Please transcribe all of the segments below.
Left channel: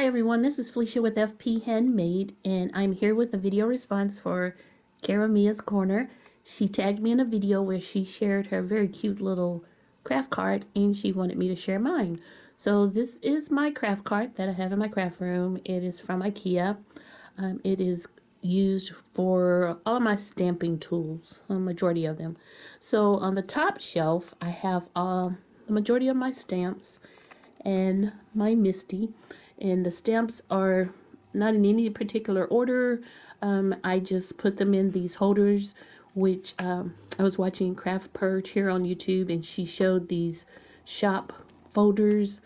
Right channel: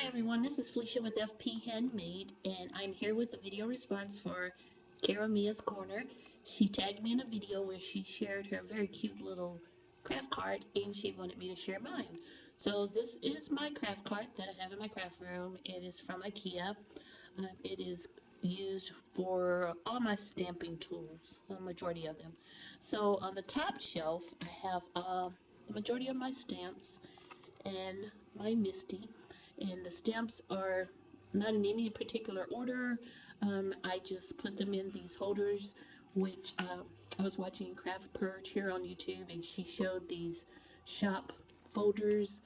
Hi everyone, this is Felicia with FP Handmade, and I'm here with a video response for Caramia's's Corner. She tagged me in a video where she shared her very cute little craft card, and she wanted me to share mine. So this is my craft card that I have in my craft room. It is from IKEA. It is used for all my stamping tools, a majority of them. So on the top shelf, I have the majority of my stamps and my Misty, and the stamps are not in any particular order. I just put them in these holders, which I was watching Craft Purge here on YouTube, and she showed these shop folders.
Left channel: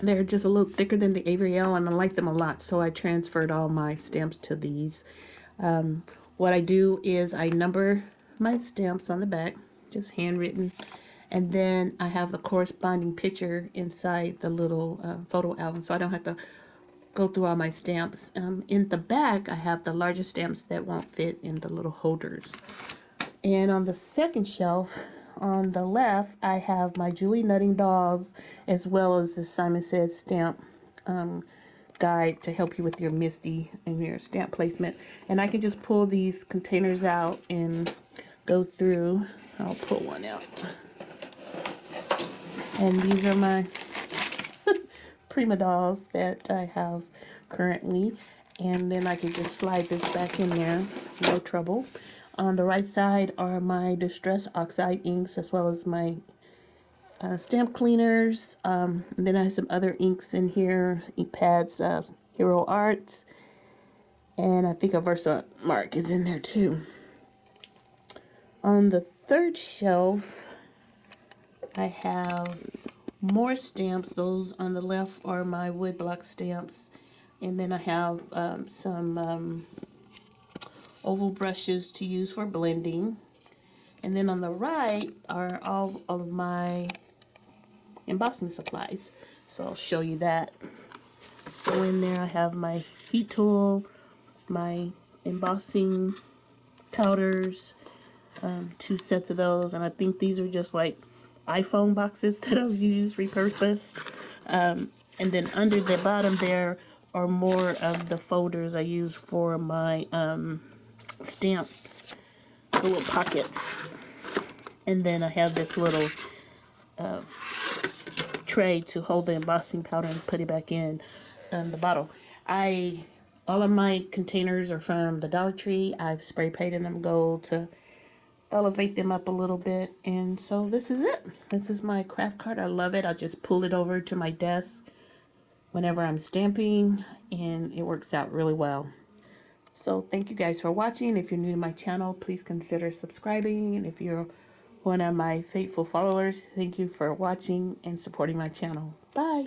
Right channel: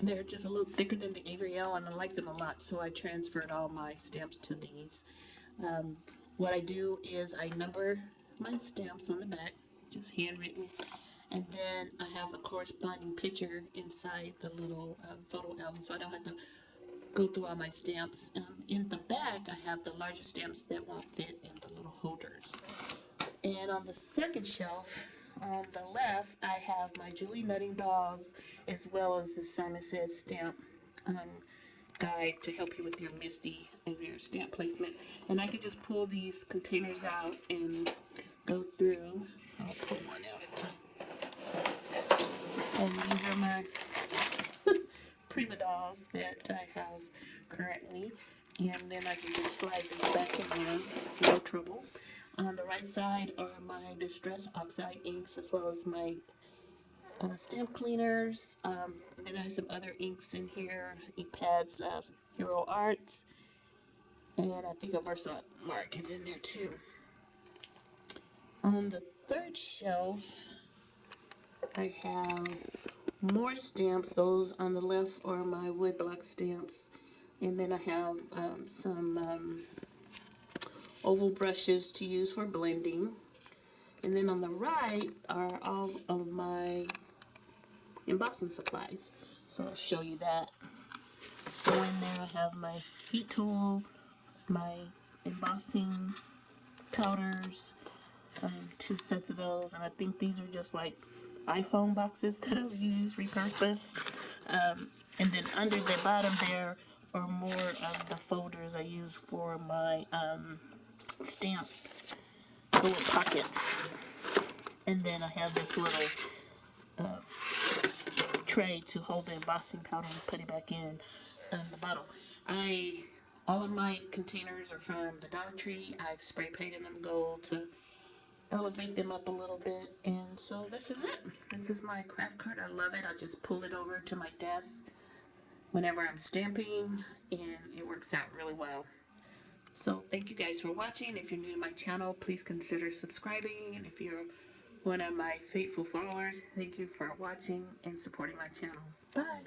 They're just a little thicker than the Ariel, and I like them a lot, so I transferred all my stamps to these. What I do is I number my stamps on the back, just handwritten, and then I have the corresponding picture inside the little photo album, so I don't have to go through all my stamps. In the back, I have the larger stamps that won't fit in the little holders. And on the second shelf, on the left, I have my Julie Nutting dolls, as well as the Simon Says stamp guide to help you with your Misty and your stamp placement. And I can just pull these containers out and go through. I'll pull one out. And these are my Prima dolls that I have currently. And then I can just slide this back in there, no trouble. On the right side are my Distress Oxide inks, as well as my stamp cleaners. And then I have some other inks in here, ink pads, Hero Arts. And I think a Versamark is in there too. On the third shelf, I have more stamps. Those on the left are my woodblock stamps. And then I have some oval brushes to use for blending. And then on the right are all of my embossing supplies. So I'll show you that. So in there I have my heat tool, my embossing powders, 2 sets of those, and I think these are just like iPhone boxes that I've used, repurposed. And then under the bottom there are more of the folders I use for my stamps, the little pockets. And then I have this little tray to hold the embossing powder and put it back in the bottle. All of my containers are from the Dollar Tree. I've spray painted them gold to elevate them up a little bit, and so this is it. This is my craft card. I love it. I just pull it over to my desk whenever I'm stamping, and it works out really well. So thank you guys for watching. If you're new to my channel, please consider subscribing, and if you're one of my faithful followers, thank you for watching and supporting my channel. Bye.